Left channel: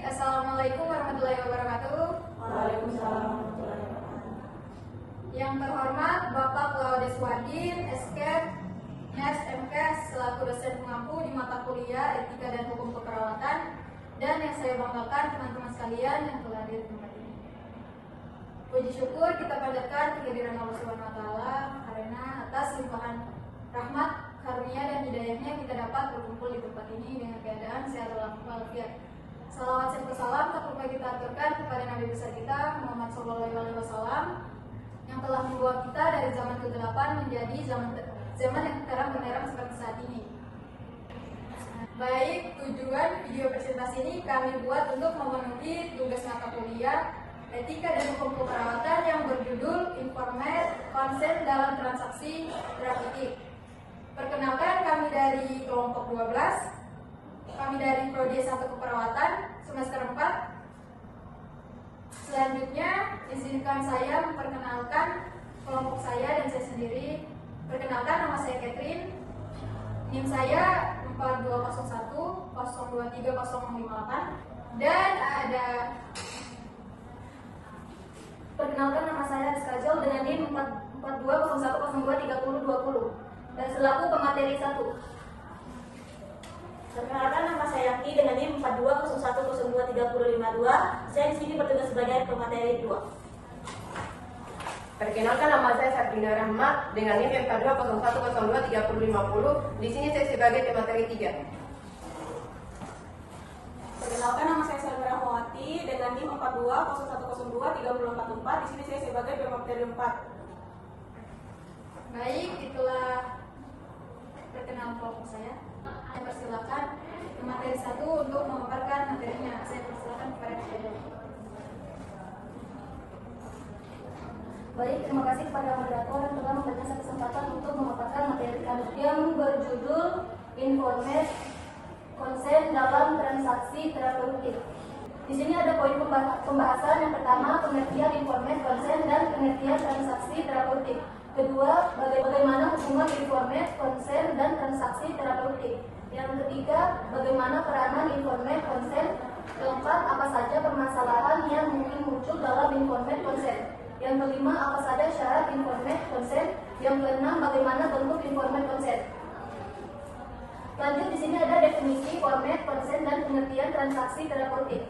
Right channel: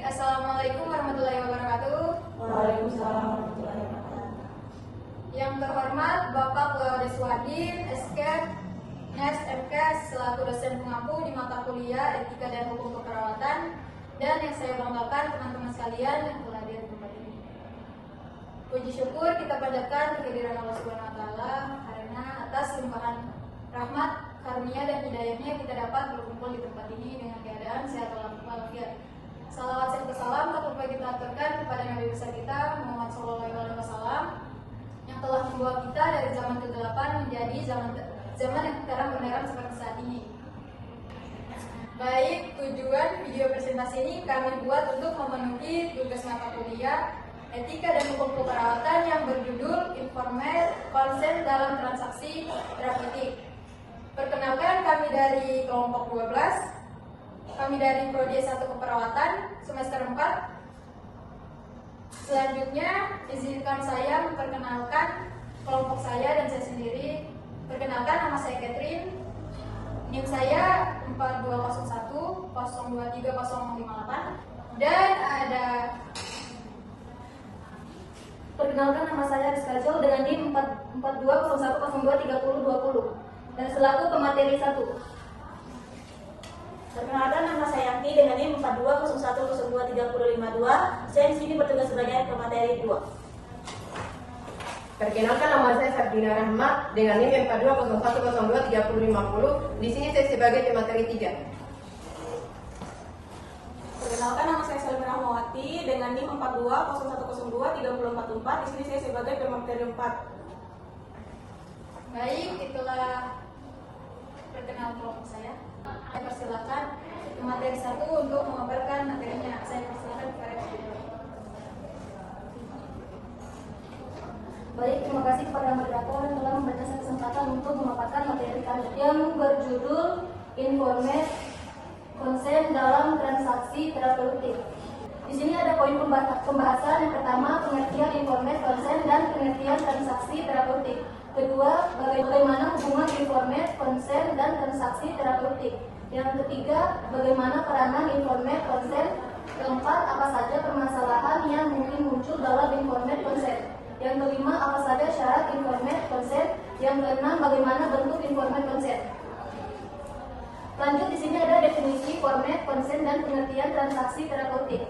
Assalamualaikum warahmatullahi wabarakatuh. Waalaikumsalam warahmatullahi wabarakatuh. Yang terhormat Bapak Puawdeswadi, SK, NES, MK, selaku dosen pengampu di mata kuliah Etika dan Hukum Keperawatan, dan yang saya banggakan teman-teman sekalian yang telah hadir di tempat ini. Puji syukur kita panjatkan kehadiran Allah Subhanahu wa Ta'ala karena atas limpahan rahmat, karunia dan hidayahnya kita dapat berkumpul di tempat ini dengan keadaan sehat walafiat. Salawat serta salam tak lupa kita aturkan kepada Nabi besar kita Muhammad SAW yang telah membawa kita dari zaman kegelapan menjadi zaman yang terang benderang seperti saat ini. Baik, tujuan video presentasi ini kami buat untuk memenuhi tugas mata kuliah Etika dan Hukum Keperawatan yang berjudul Informed Konsen dalam Transaksi Terapeutik. Perkenalkan, kami dari kelompok 12. Kami dari Prodi 1 Keperawatan semester 4. Selanjutnya, izinkan saya memperkenalkan kelompok saya dan saya sendiri. Perkenalkan, nama saya Catherine. NIM saya 4201 023058 dan ada. Perkenalkan, nama saya Rizka Jol dengan NIM 4201023020 dan selaku pemateri 1. Perkenalkan, nama saya Yaki dengan NIM 4201023052. Saya di sini bertugas sebagai pemateri 2. Perkenalkan, nama saya Sardina Rahmat dengan NIM 4201023050. Di sini saya sebagai pemateri 3. Perkenalkan, nama saya Selma Rahmawati dengan NIM 4201023044. Di sini saya sebagai pemateri 4. Baik, itulah perkenalan kelompok saya. Saya persilakan materi 1 untuk memaparkan materinya. Saya persilakan kepada Kak. Baik, terima kasih kepada moderator yang telah memberikan saya kesempatan untuk memaparkan materi kami yang berjudul Informed Konsen dalam Transaksi Terapeutik. Di sini ada poin pembahasan. Yang pertama, pengertian informed konsen dan pengertian transaksi terapeutik. Kedua, bagaimana hubungan informed konsen dan transaksi terapeutik. Yang ketiga, bagaimana peranan informed konsen. Keempat, apa saja permasalahan yang mungkin muncul dalam informed konsen. Yang kelima, apa saja syarat informed konsen. Yang keenam, bagaimana bentuk informed konsen. Lanjut, di sini ada definisi informed konsen dan pengertian transaksi terapeutik.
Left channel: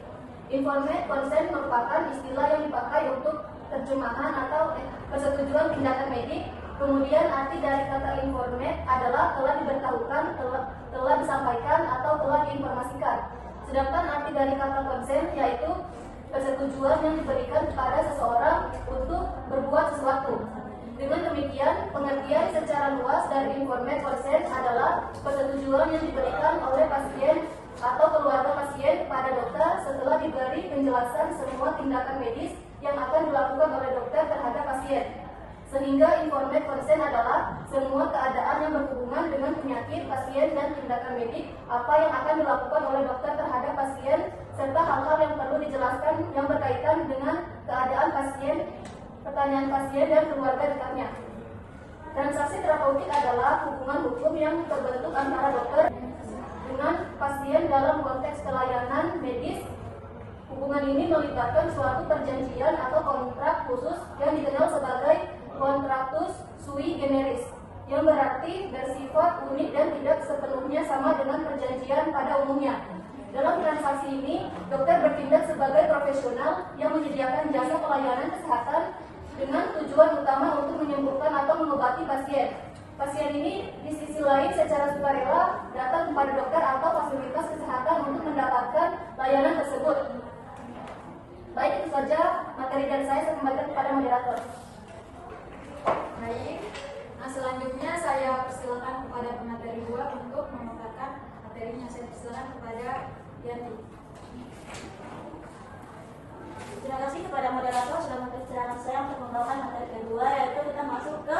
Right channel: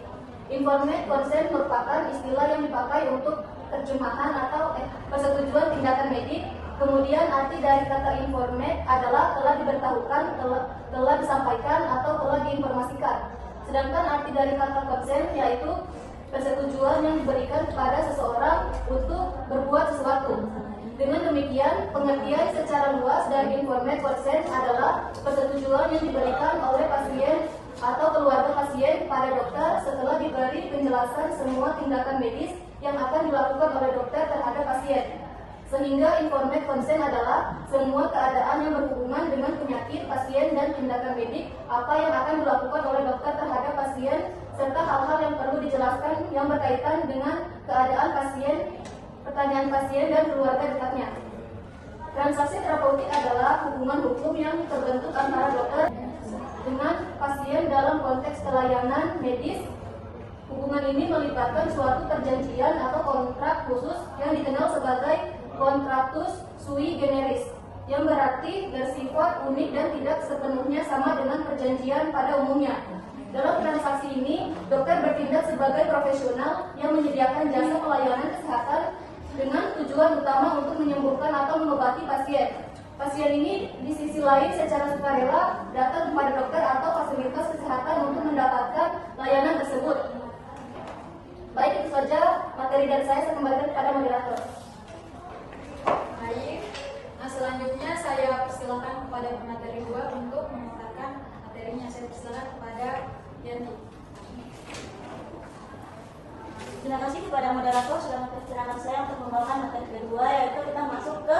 Informed konsen merupakan istilah yang dipakai untuk terjemahan atau persetujuan tindakan medik. Kemudian arti dari kata informed adalah telah diberitahukan, telah disampaikan atau telah diinformasikan. Sedangkan arti dari kata konsen yaitu persetujuan yang diberikan kepada seseorang untuk berbuat sesuatu. Dengan demikian, pengertian secara luas dari informed konsen adalah persetujuan yang diberikan oleh pasien atau keluarga pasien pada dokter setelah diberi penjelasan semua tindakan medis yang akan dilakukan oleh dokter terhadap pasien. Sehingga informed konsen adalah semua keadaan yang berhubungan dengan penyakit pasien dan tindakan medik apa yang akan dilakukan oleh dokter terhadap pasien serta hal-hal yang perlu dijelaskan yang berkaitan dengan keadaan pasien, pertanyaan pasien dan keluarga dekatnya. Transaksi terapeutik adalah hubungan hukum yang terbentuk antara dokter dengan pasien dalam konteks pelayanan medis. Hubungan ini melibatkan suatu perjanjian atau kontrak khusus yang dikenal sebagai contractus sui generis, yang berarti bersifat unik dan tidak sepenuhnya sama dengan perjanjian pada umumnya. Dalam transaksi ini, dokter bertindak sebagai profesional yang menyediakan jasa pelayanan kesehatan dengan tujuan utama untuk menyembuhkan atau mengobati pasien. Pasien ini di sisi lain secara sukarela datang kepada dokter atau fasilitas kesehatan untuk mendapatkan layanan tersebut. Baik, itu saja materi dari saya kembalikan kepada moderator. Baik, selanjutnya saya persilakan kepada pemateri 2 untuk memaparkan materinya. Saya persilakan kepada Yanti. Terima kasih kepada moderator sudah mempersilahkan saya untuk membawakan materi kedua, yaitu kita masuk ke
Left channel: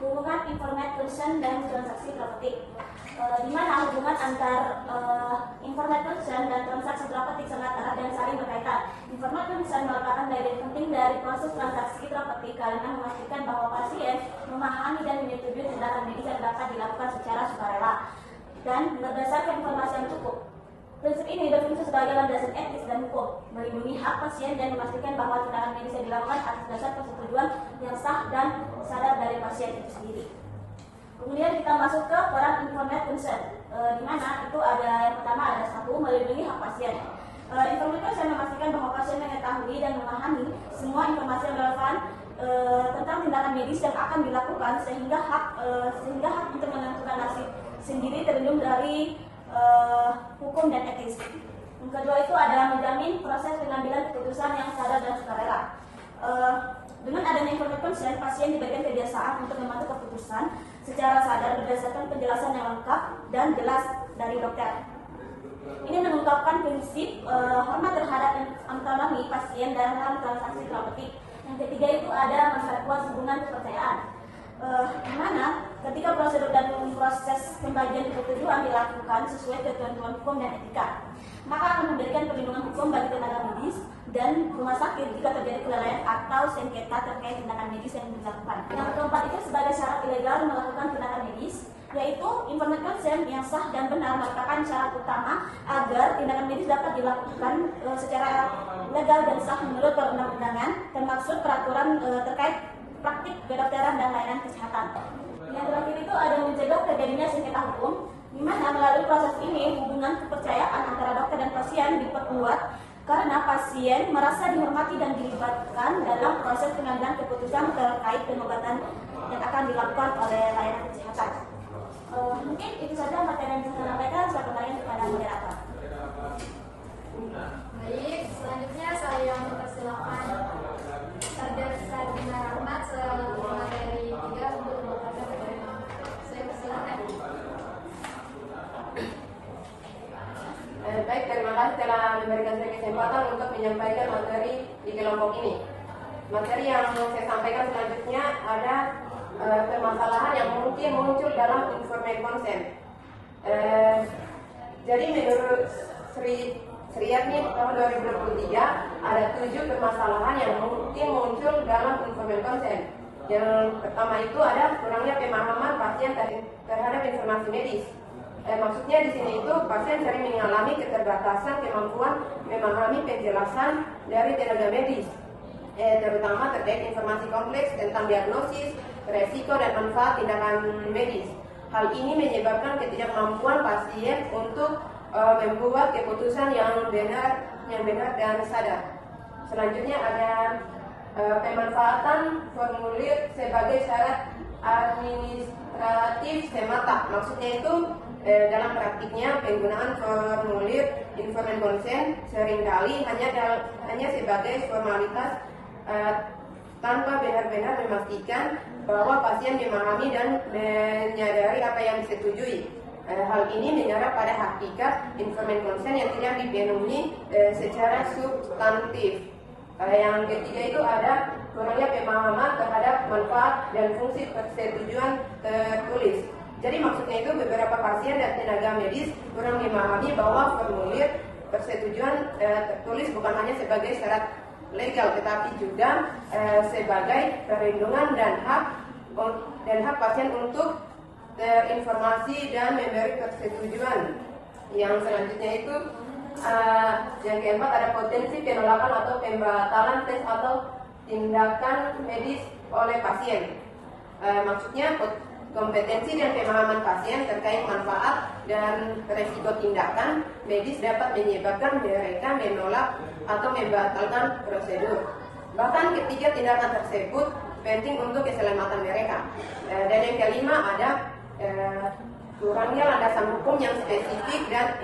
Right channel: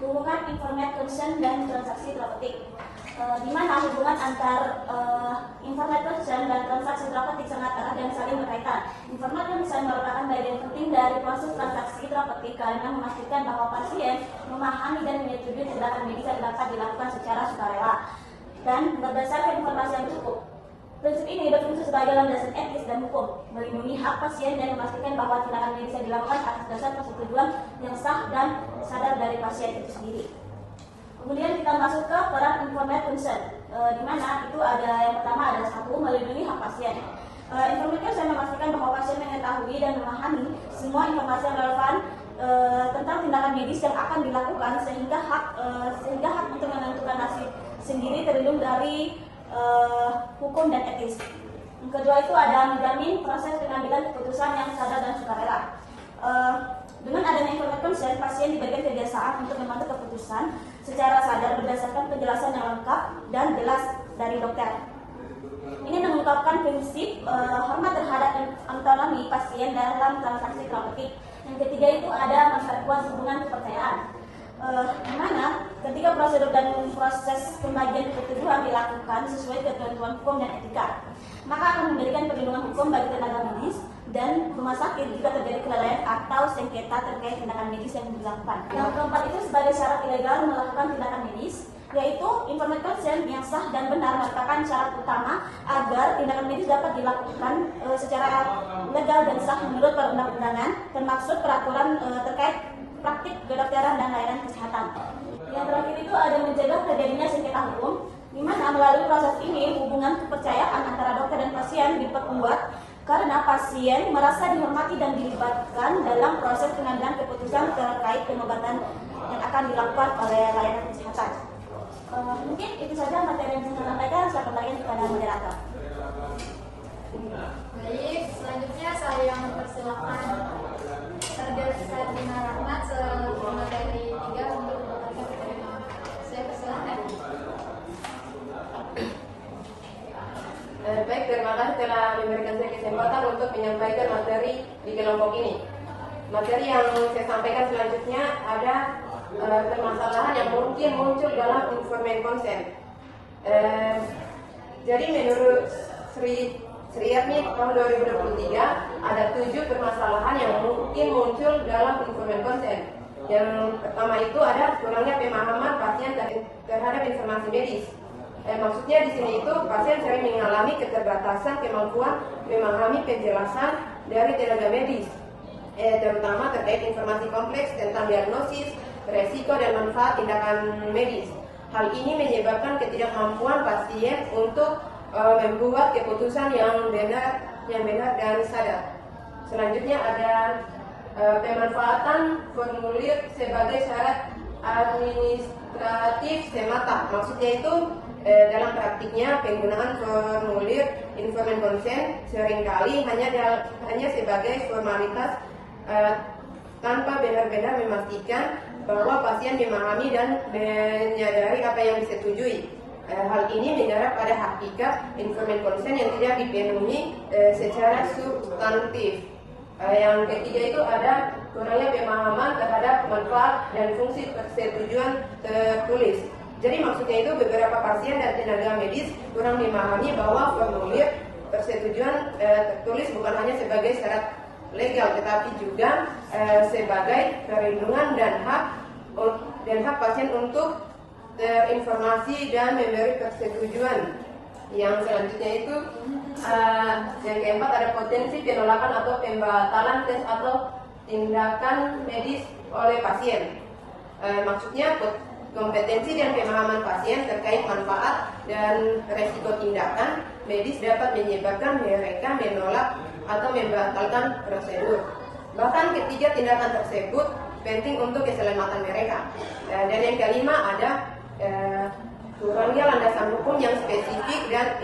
hubungan informed konsen dan transaksi terapeutik. Di mana hubungan antar informed konsen dan transaksi terapeutik sangat erat dan saling berkaitan. Informed konsen merupakan bagian penting dari proses transaksi terapeutik karena memastikan bahwa pasien memahami dan menyetujui tindakan medis yang dapat dilakukan secara sukarela dan berdasarkan informasi yang cukup. Prinsip ini berfungsi itu sebagai landasan etis dan hukum, melindungi hak pasien dan memastikan bahwa tindakan medis yang dilakukan atas dasar persetujuan yang sah dan sadar dari pasien itu sendiri. Kemudian kita masuk ke peran informed consent, di mana itu ada yang pertama ada satu, melindungi hak pasien. Informed consent memastikan bahwa pasien mengetahui dan memahami semua informasi yang relevan tentang tindakan medis yang akan dilakukan sehingga hak untuk menentukan nasib sendiri terlindung dari hukum dan etis. Yang kedua itu ada menjamin proses pengambilan keputusan yang sadar dan sukarela. Dengan adanya informed consent, pasien diberikan kebiasaan untuk mengambil keputusan secara sadar berdasarkan penjelasan yang lengkap dan jelas dari dokter. Ini mengungkapkan prinsip hormat terhadap otonomi pasien dalam transaksi terapeutik. Yang ketiga itu ada memperkuat hubungan kepercayaan. Di mana ketika prosedur dan proses pembagian ketujuan dilakukan sesuai ketentuan hukum dan etika, maka akan memberikan perlindungan hukum bagi tenaga medis dan rumah sakit jika terjadi kelalaian atau sengketa terkait tindakan medis yang dilakukan. Yang keempat itu sebagai syarat ilegal melakukan tindakan medis, yaitu informed consent yang sah dan benar merupakan syarat utama agar tindakan medis dapat dilakukan secara legal dan sah menurut perundang-undangan, termaksud peraturan terkait praktik kedokteran dan layanan kesehatan. Yang terakhir itu ada mencegah terjadinya sengketa hukum, di mana melalui proses ini hubungan kepercayaan antara dokter dan pasien diperkuat karena pasien merasa dihormati dan dilibatkan dalam proses pengambilan keputusan terkait pengobatan yang akan dilakukan oleh layanan kesehatan. Mungkin itu saja materi yang bisa saya sampaikan. Saya kembalikan kepada moderator. Baik, selanjutnya saya mempersilakan Sarjana Sardina Rahmat selaku dari 3 untuk beberapa poin. Saya persilakan. Baik, terima kasih telah memberikan saya kesempatan untuk menyampaikan materi di kelompok ini. Materi yang saya sampaikan selanjutnya ada permasalahan yang mungkin muncul dalam informed consent. Jadi menurut Sri Erni tahun 2023 ada 7 permasalahan yang mungkin muncul dalam informed consent. Yang pertama itu ada kurangnya pemahaman pasien terhadap informasi medis. Maksudnya di sini itu pasien sering mengalami keterbatasan kemampuan memahami penjelasan dari tenaga medis, terutama terkait informasi kompleks tentang diagnosis, resiko dan manfaat tindakan medis. Hal ini menyebabkan ketidakmampuan pasien untuk membuat keputusan yang benar dan sadar. Selanjutnya ada pemanfaatan formulir sebagai syarat administratif semata. Maksudnya itu dalam praktiknya penggunaan formulir informed consent seringkali hanya sebagai formalitas tanpa benar-benar memastikan bahwa pasien memahami dan menyadari apa yang disetujui. Hal ini menyerap pada hakikat informed consent yang tidak dipenuhi secara substantif. Yang ketiga itu ada kurangnya pemahaman terhadap manfaat dan fungsi persetujuan tertulis. Jadi maksudnya itu beberapa pasien dan tenaga medis kurang memahami bahwa formulir persetujuan tertulis bukan hanya sebagai syarat legal, tetapi juga sebagai perlindungan dan hak pasien untuk terinformasi dan memberi persetujuan. Yang selanjutnya itu yang keempat ada potensi penolakan atau pembatalan tes atau tindakan medis oleh pasien. Maksudnya kompetensi dan pemahaman pasien terkait manfaat dan resiko tindakan medis dapat menyebabkan mereka menolak atau membatalkan prosedur. Bahkan ketiga tindakan tersebut penting untuk keselamatan mereka. Dan yang kelima ada kurangnya landasan hukum yang spesifik dan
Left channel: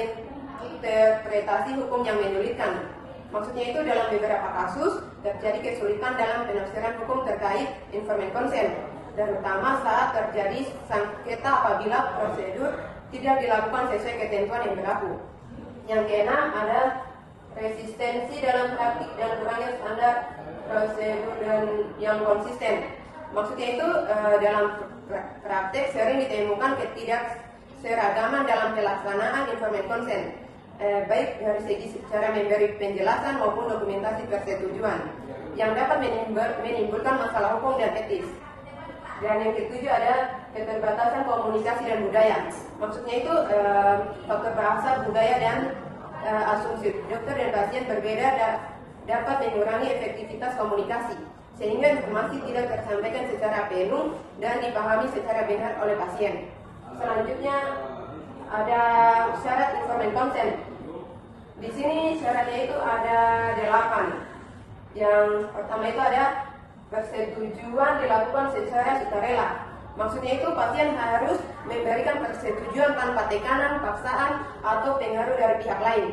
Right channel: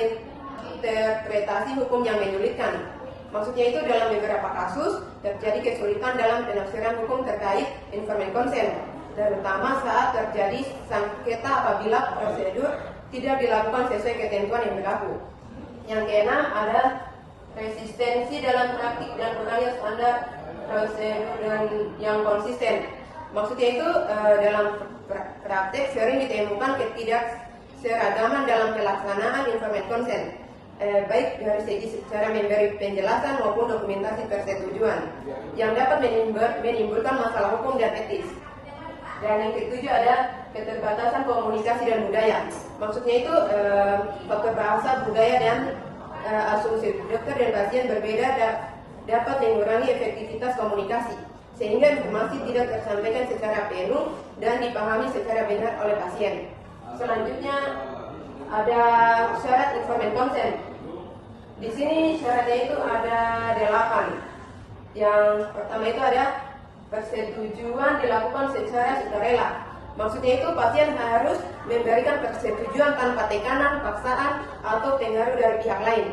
interpretasi hukum yang menyulitkan. Maksudnya itu dalam beberapa kasus terjadi kesulitan dalam penafsiran hukum terkait informed consent, terutama saat terjadi sengketa apabila prosedur tidak dilakukan sesuai ketentuan yang berlaku. Yang keenam ada resistensi dalam praktik dan kurangnya standar prosedur yang konsisten. Maksudnya itu dalam praktek sering ditemukan ketidakseragaman dalam pelaksanaan informed consent, baik dari segi cara memberi penjelasan maupun dokumentasi persetujuan yang dapat menimbulkan masalah hukum dan etis. Dan yang ketujuh ada keterbatasan komunikasi dan budaya. Maksudnya itu faktor bahasa, budaya dan asumsi dokter dan pasien berbeda dapat mengurangi efektivitas komunikasi, sehingga informasi tidak tersampaikan secara penuh dan dipahami secara benar oleh pasien. Selanjutnya ada syarat informed consent. Di sini syaratnya itu ada 8. Yang pertama itu ada persetujuan dilakukan secara sukarela. Maksudnya itu pasien harus memberikan persetujuan tanpa tekanan, paksaan, atau pengaruh dari pihak lain.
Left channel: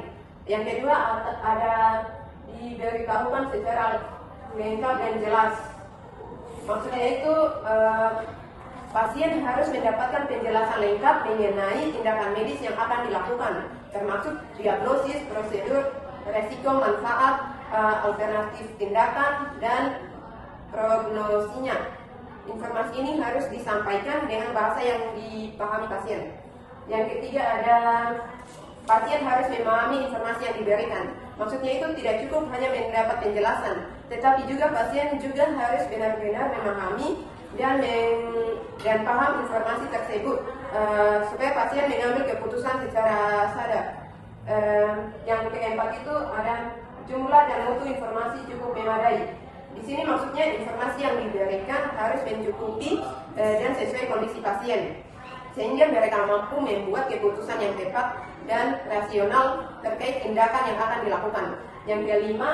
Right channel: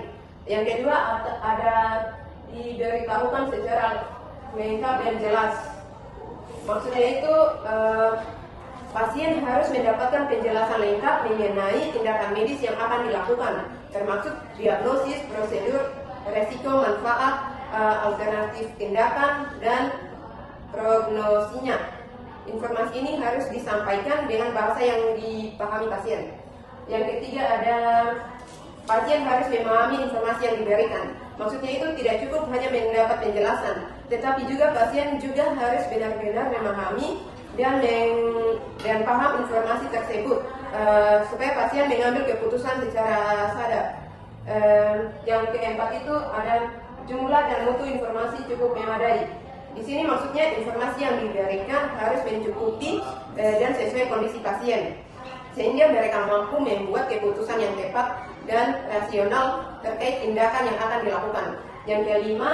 Yang kedua ada diberitahukan secara lengkap dan jelas. Maksudnya itu pasien harus mendapatkan penjelasan lengkap mengenai tindakan medis yang akan dilakukan, termasuk diagnosis, prosedur, resiko, manfaat, alternatif tindakan, dan prognosinya. Informasi ini harus disampaikan dengan bahasa yang dipahami pasien. Yang ketiga ada pasien harus memahami informasi yang diberikan. Maksudnya itu tidak cukup hanya mendapat penjelasan, tetapi juga pasien juga harus benar-benar memahami dan paham informasi tersebut supaya pasien mengambil keputusan secara sadar. Yang keempat itu ada jumlah dan mutu informasi cukup memadai. Di sini maksudnya informasi yang diberikan harus mencukupi dan sesuai kondisi pasien, sehingga mereka mampu membuat keputusan yang tepat dan rasional terkait tindakan yang akan dilakukan. Yang kelima,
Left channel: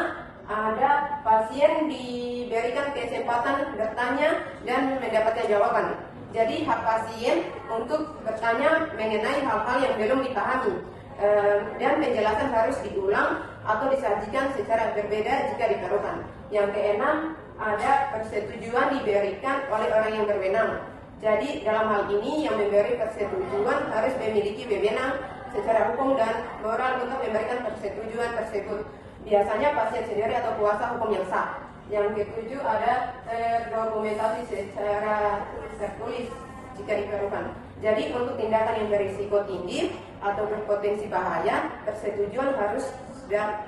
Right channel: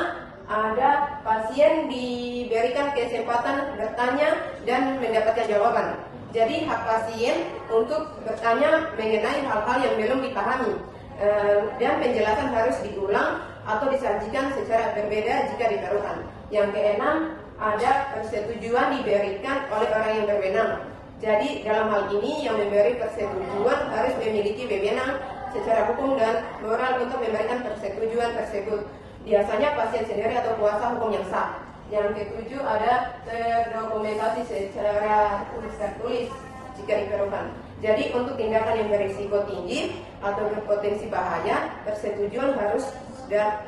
ada pasien diberikan kesempatan bertanya dan mendapatkan jawaban. Jadi hak pasien untuk bertanya mengenai hal-hal yang belum dipahami, dan penjelasan harus diulang atau disajikan secara berbeda jika diperlukan. Yang keenam, ada persetujuan diberikan oleh orang yang berwenang. Jadi dalam hal ini yang memberi persetujuan harus memiliki wewenang secara hukum dan moral untuk memberikan persetujuan tersebut. Biasanya pasien sendiri atau kuasa hukum yang sah. Yang ketujuh ada terdokumentasi secara tertulis jika diperlukan. Jadi untuk tindakan yang berisiko tinggi atau berpotensi bahaya, persetujuan harus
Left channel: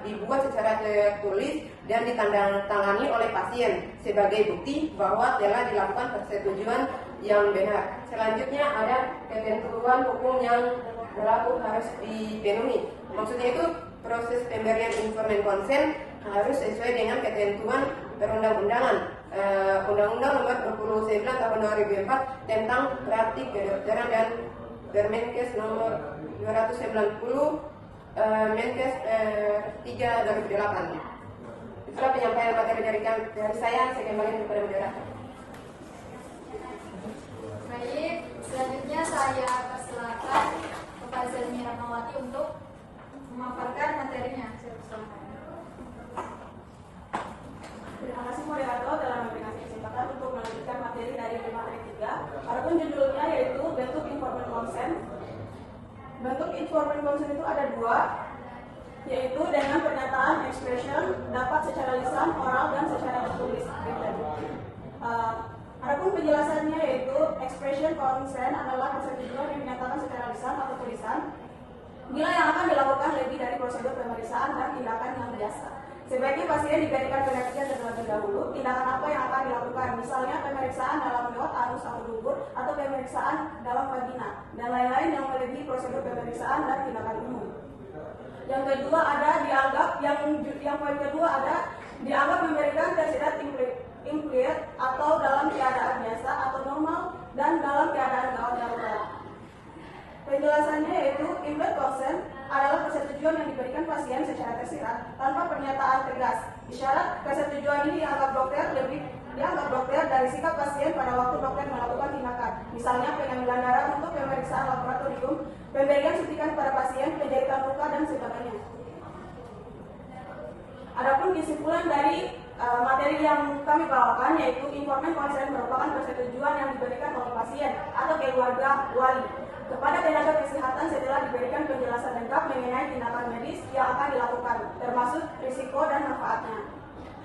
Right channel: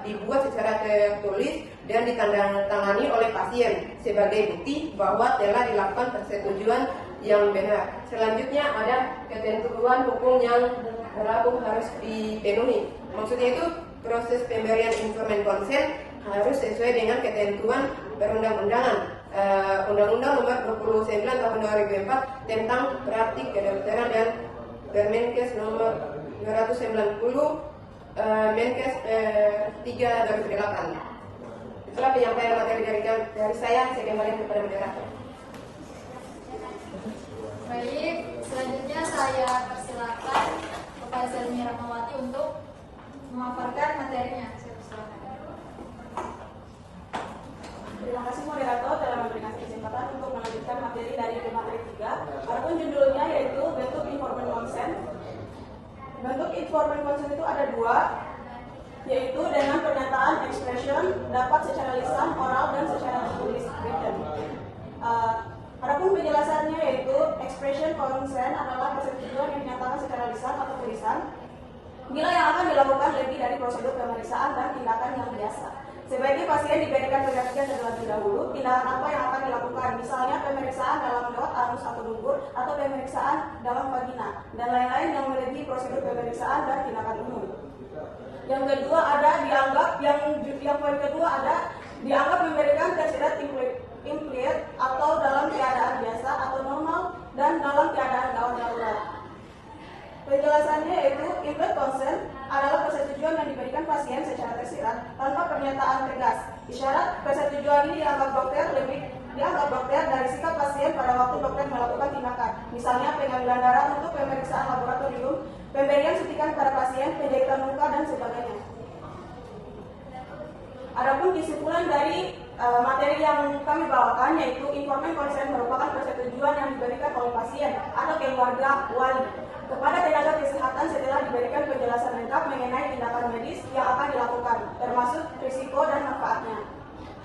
dibuat secara tertulis dan ditandatangani oleh pasien sebagai bukti bahwa telah dilakukan persetujuan yang benar. Selanjutnya ada ketentuan hukum yang berlaku harus dipenuhi. Maksudnya itu proses pemberian informed consent harus sesuai dengan ketentuan perundang-undangan. Undang-Undang Nomor 29 Tahun 2004 tentang praktik kedokteran dan Permenkes Nomor 290 Menkes 3/2008. Itulah penyampaian materi dari saya. Saya kembali kepada moderator. Baik, selanjutnya saya persilakan kepada Selmi Rahmawati untuk memaparkan materinya. Saya persilakan. Terima kasih moderator telah memberikan kesempatan untuk melanjutkan materi dari materi 3. Adapun judulnya yaitu bentuk informed consent. Bentuk informed consent itu ada 2, yaitu dengan pernyataan expression dapat secara lisan, oral, dan secara tertulis. Adapun penjelasannya yaitu expression consent adalah persetujuan yang dinyatakan secara lisan atau tulisan bila yang akan dilakukan lebih dari prosedur pemeriksaan dan tindakan yang biasa. Sebaiknya pasien diberikan pengertian terlebih dahulu tindakan apa yang akan dilakukan, misalnya pemeriksaan dalam got, anus atau dubur, atau pemeriksaan dalam vagina, dan lain-lain yang melebihi prosedur pemeriksaan dan tindakan umum. Yang kedua ada dianggap, yang poin kedua ada dianggap memberikan tersirat impaired atau dalam keadaan biasa atau normal dan dalam keadaan gawat darurat. Penjelasannya yaitu impaired consent adalah persetujuan yang diberikan pasien secara tersirat tanpa pernyataan tegas. Isyarat persetujuan ini dianggap dokter dari sikap pasien pada waktu dokter melakukan tindakan, misalnya pengambilan darah untuk pemeriksaan laboratorium, pemberian suntikan kepada pasien, penjahitan luka, dan sebagainya. Adapun kesimpulan dari materi yang kami bawakan yaitu informed consent merupakan persetujuan yang diberikan oleh pasien atau keluarga wali kepada tenaga kesehatan setelah diberikan penjelasan lengkap mengenai tindakan medis yang akan dilakukan, termasuk risiko dan manfaatnya.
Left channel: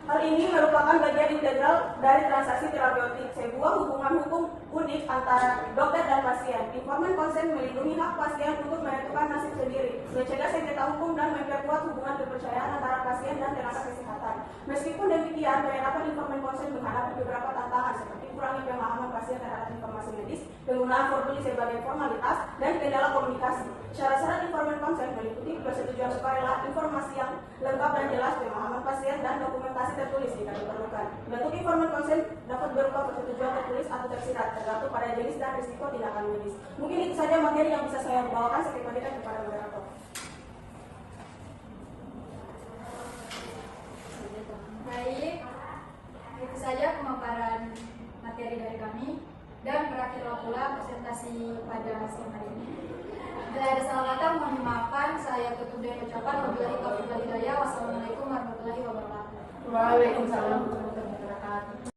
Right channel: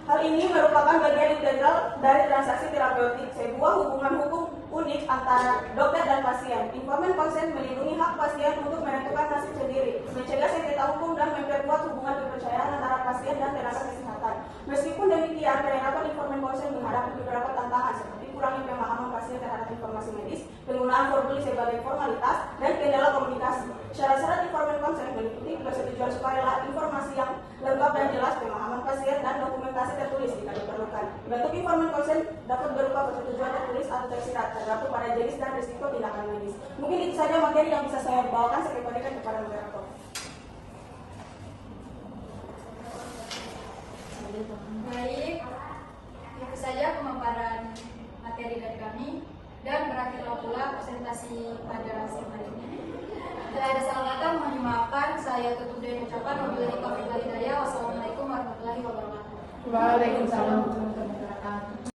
Hal ini merupakan bagian integral dari transaksi terapeutik, sebuah hubungan hukum unik antara dokter dan pasien. Informed consent melindungi hak pasien untuk menentukan nasib sendiri, mencegah sengketa hukum, dan memperkuat hubungan kepercayaan antara pasien dan tenaga kesehatan. Meskipun demikian, penerapan informed consent menghadapi beberapa tantangan seperti kurangnya pemahaman pasien terhadap informasi medis, penggunaan formulir sebagai formalitas, dan kendala komunikasi. Syarat-syarat informed konsen meliputi persetujuan sukarela, informasi yang lengkap dan jelas, pemahaman pasien, dan dokumentasi tertulis jika diperlukan. Bentuk informan konsen dapat berupa persetujuan tertulis atau tersirat, tergantung pada jenis dan risiko tindakan medis. Mungkin itu saja materi yang bisa saya bawakan sebagai pendidikan kepada moderator. Baik, itu saja pemaparan materi dari kami dan berakhirlah pula presentasi pada siang hari ini. Tidak ada salah kata, mohon dimaafkan. Saya tutup dengan ucapan wabillahi taufiq wal hidayah. Wassalamualaikum warahmatullahi wabarakatuh. Waalaikumsalam.